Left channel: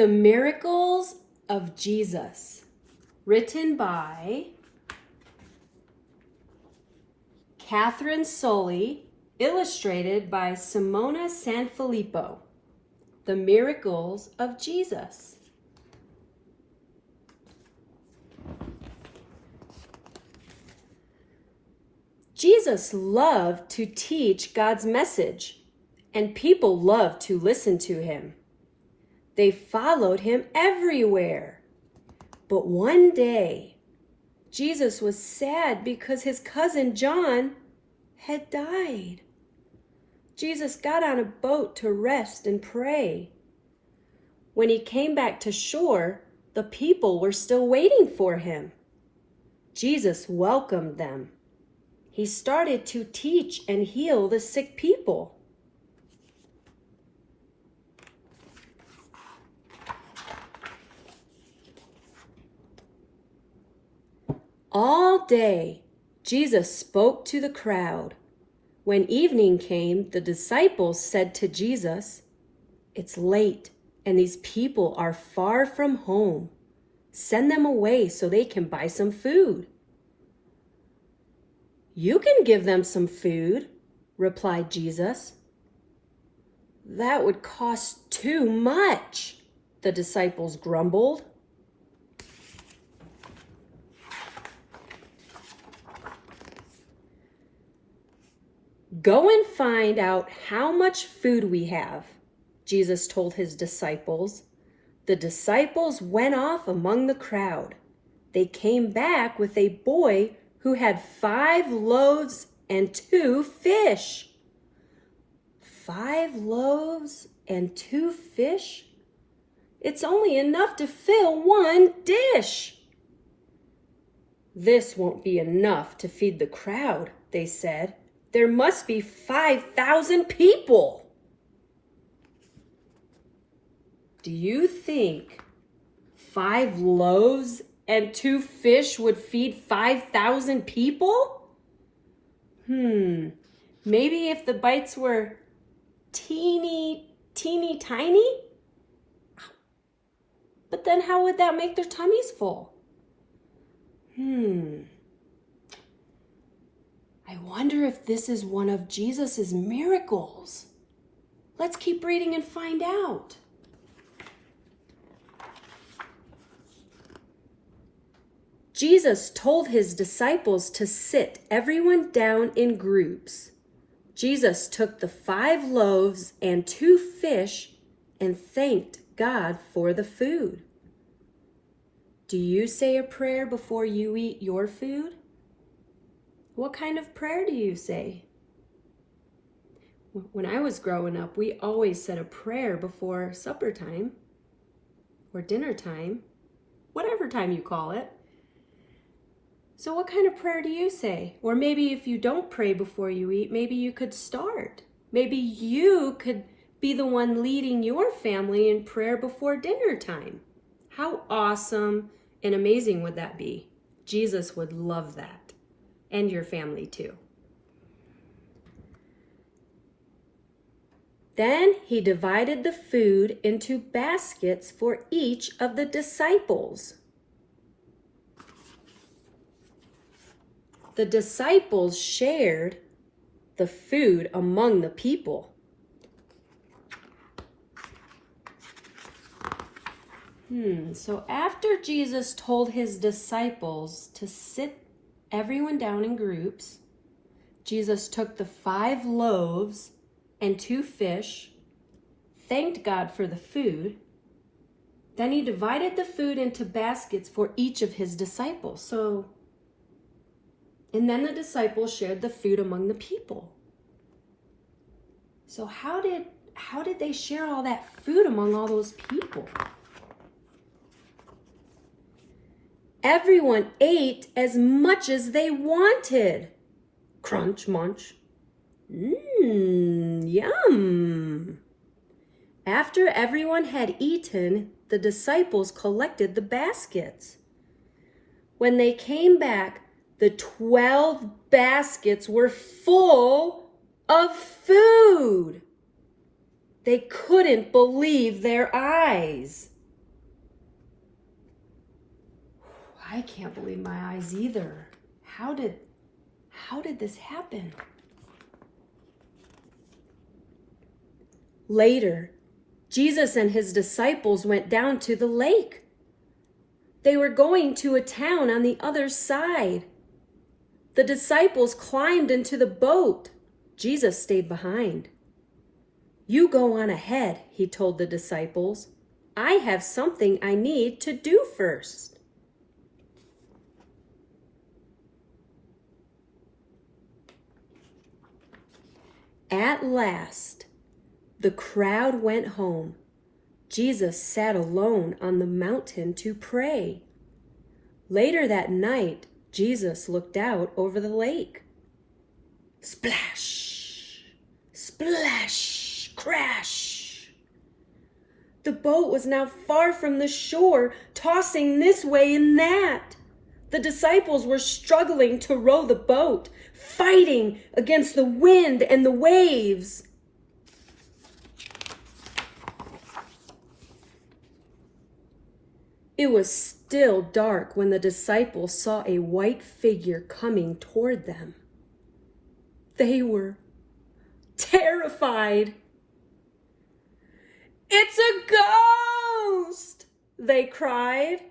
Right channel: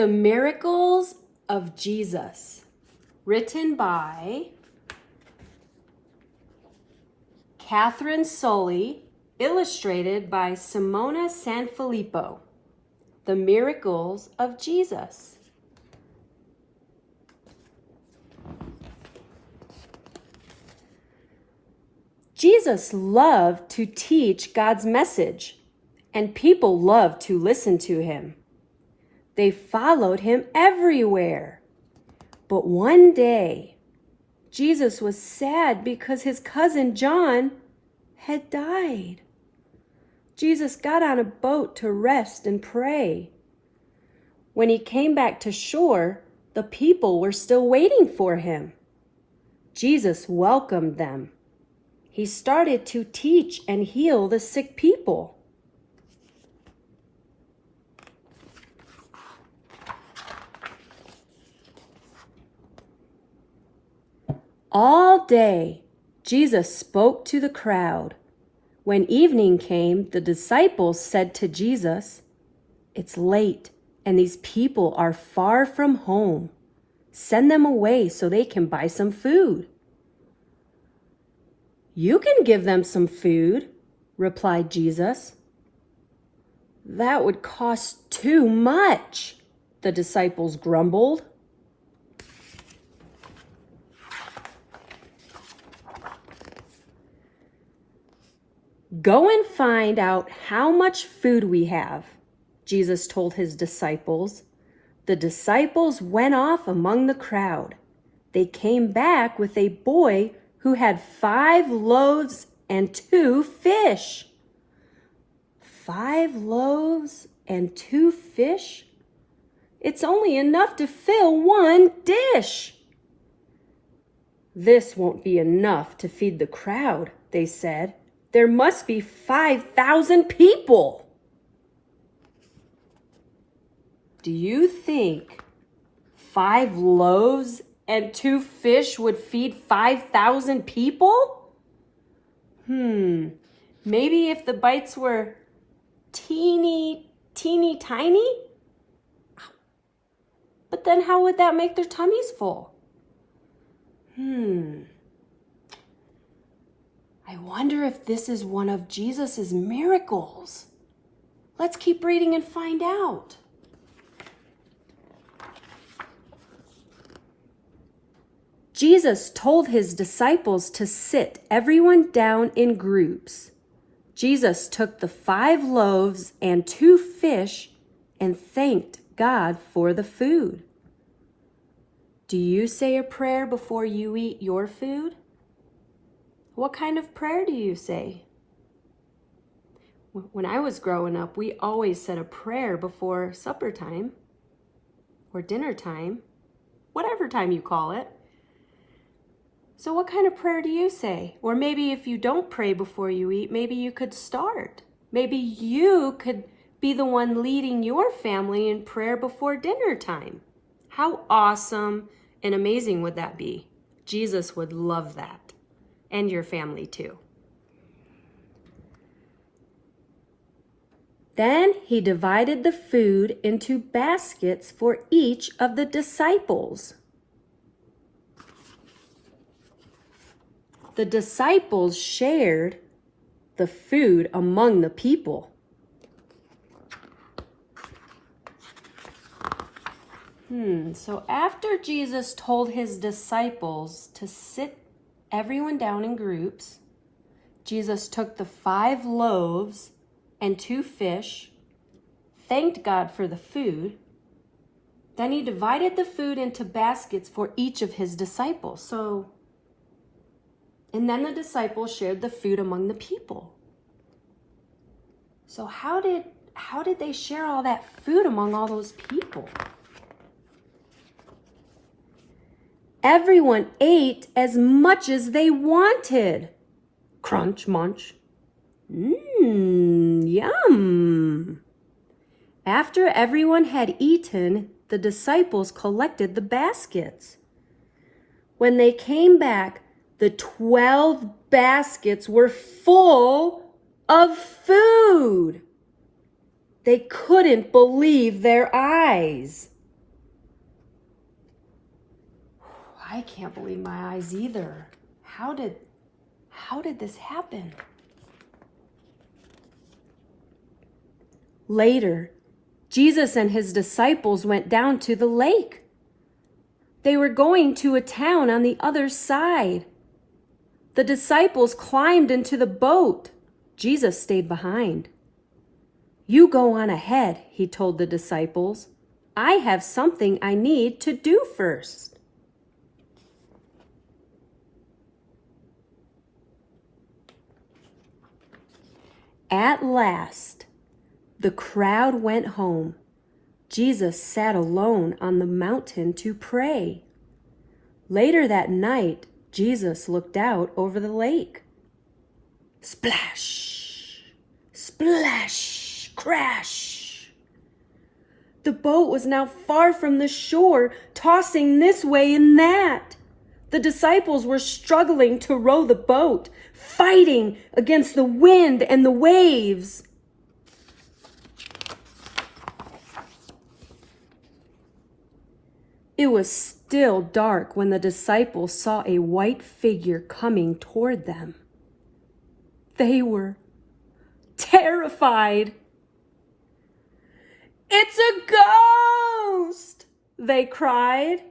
The Miracles of Jesus, written by Katherine, Sully, illustrated by Simona Sanfilippo. The Miracles of Jesus. Jesus loved to teach God's message, and people loved to listen to him. They followed him everywhere. But one day, Jesus was sad because his cousin John had died. Jesus got on a boat to rest and pray. When he came back to shore, the people were still waiting for him. Jesus welcomed them. He started to teach and heal the sick people. All day, Jesus spoke to the crowd. When evening came, the disciples said to Jesus, "It's late, and these people are far from home. Send them away so they can buy some food." "You can give them some food," replied Jesus. "That would cost too much," the disciples grumbled. "Go and find out how much food we have," Jesus told his disciples. The disciples went off among the crowd. They came back with a boy who had 5 loaves and 2 fish. 5 loaves and 2 fish? It's only enough to fill 1 dish. "This won't be enough to feed the crowd," they said. "There must be 5,000 people. Do you think 5 loaves and 2 fish would feed 5,000 people? Maybe if the bites were teeny tiny? But then how would that make their tummies full? I wonder if this is one of Jesus's miracles. Let's keep reading and find out. Jesus told his disciples to sit everyone down in groups. Jesus took the 5 loaves and 2 fish and thanked God for the food. Do you say a prayer before you eat your food? What kind of prayer do you say? When I was growing up, we always said a prayer before supper time or dinner time, whatever time you call it. So what kind of prayer do you say? Or maybe if you don't pray before you eat, maybe you could start. Maybe you could be the one leading your family in prayer before dinner time. How awesome and amazing would that be? Jesus would love that. And your family too. Then he divided the food into baskets for each of the disciples. The disciples shared the food among the people. So after Jesus told his disciples to sit everyone down in groups, Jesus took the 5 loaves and 2 fish, thanked God for the food, then he divided the food into baskets for each of his disciples. And then the disciples shared the food among the people. So how did they share all that food among all those people? Everyone ate as much as they wanted. Crunch, munch. Yum. After everyone had eaten, the disciples collected the baskets. When they came back, the 12 baskets were full of food. They couldn't believe their eyes. I can't believe my eyes either. How did this happen? Later, Jesus and his disciples went down to the lake. They were going to a town on the other side. The disciples climbed into the boat. Jesus stayed behind. You go on ahead, he told the disciples. I have something I need to do first. At last, the crowd went home. Jesus sat alone on the mountain to pray. Later that night, Jesus looked out over the lake. Splash, splash, crash. The boat was now far from the shore, tossing this way and that. The disciples were struggling to row the boat, fighting against the wind and the waves. It was still dark when the disciples saw a white figure coming toward them. They were terrified. It's a ghost, they cried.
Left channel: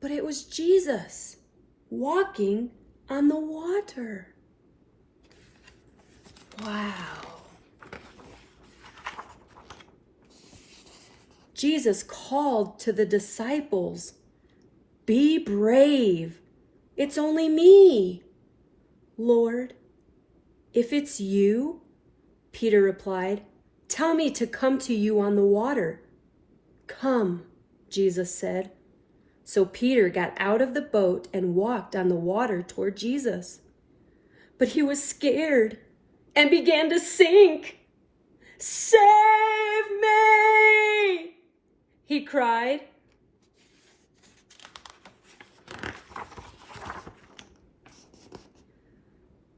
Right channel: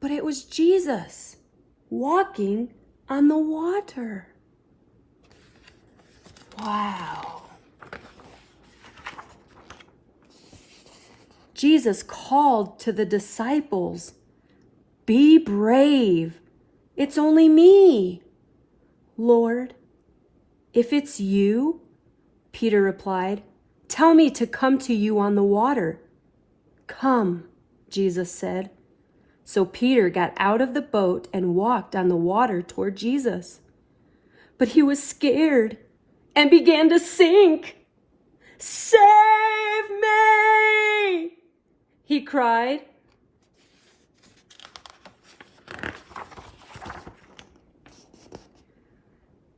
But it was Jesus walking on the water. Wow. Jesus called to the disciples, "Be brave. It's only me." "Lord, if it's you," Peter replied, "tell me to come to you on the water." "Come," Jesus said. So Peter got out of the boat and walked on the water toward Jesus. But he was scared and began to sink. "Save me!" he cried.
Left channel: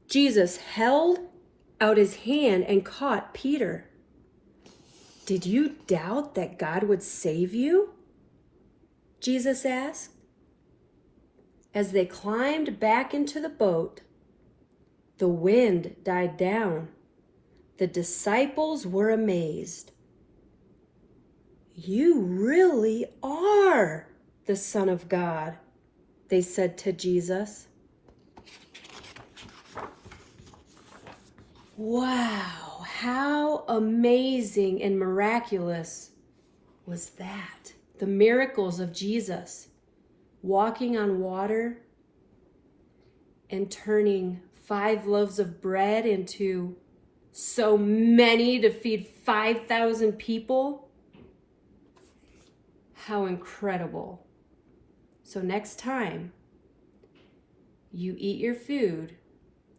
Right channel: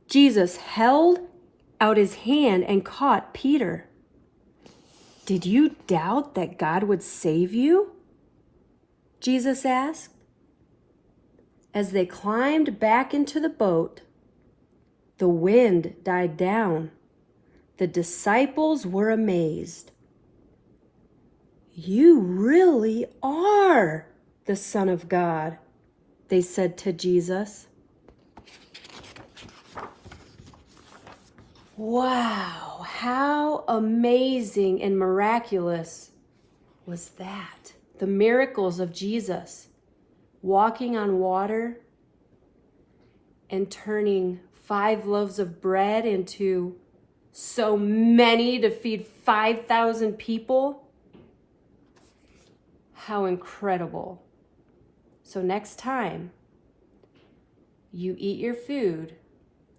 Jesus held out his hand and caught Peter. "Did you doubt that God would save you?" Jesus asked. As they climbed back into the boat, the wind died down. The disciples were amazed. "You really are the Son of God," they said to Jesus. Wow, how amazing and miraculous was that? The miracles of Jesus, walking on water and turning 5 loaves of bread into so many to feed 5,000 people. How incredible. So next time you eat your food,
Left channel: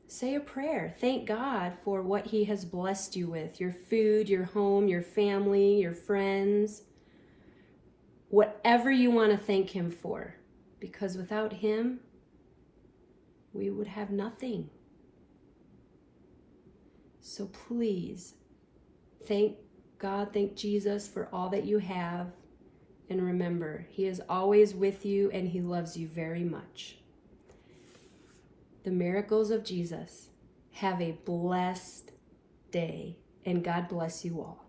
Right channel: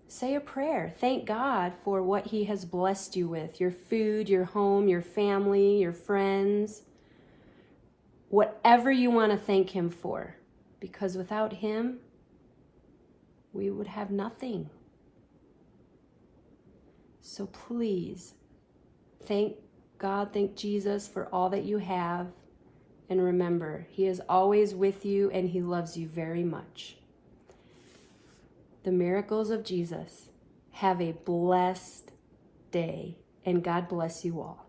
say a prayer. Thank God for what he has blessed you with. Your food, your home, your family, your friends. Whatever you want to thank him for. Because without him, we would have nothing. So please, thank God, thank Jesus for all that you have. And remember, he is always with you and he loves you very much. The miracles of Jesus. Have a blessed day and God bless you all.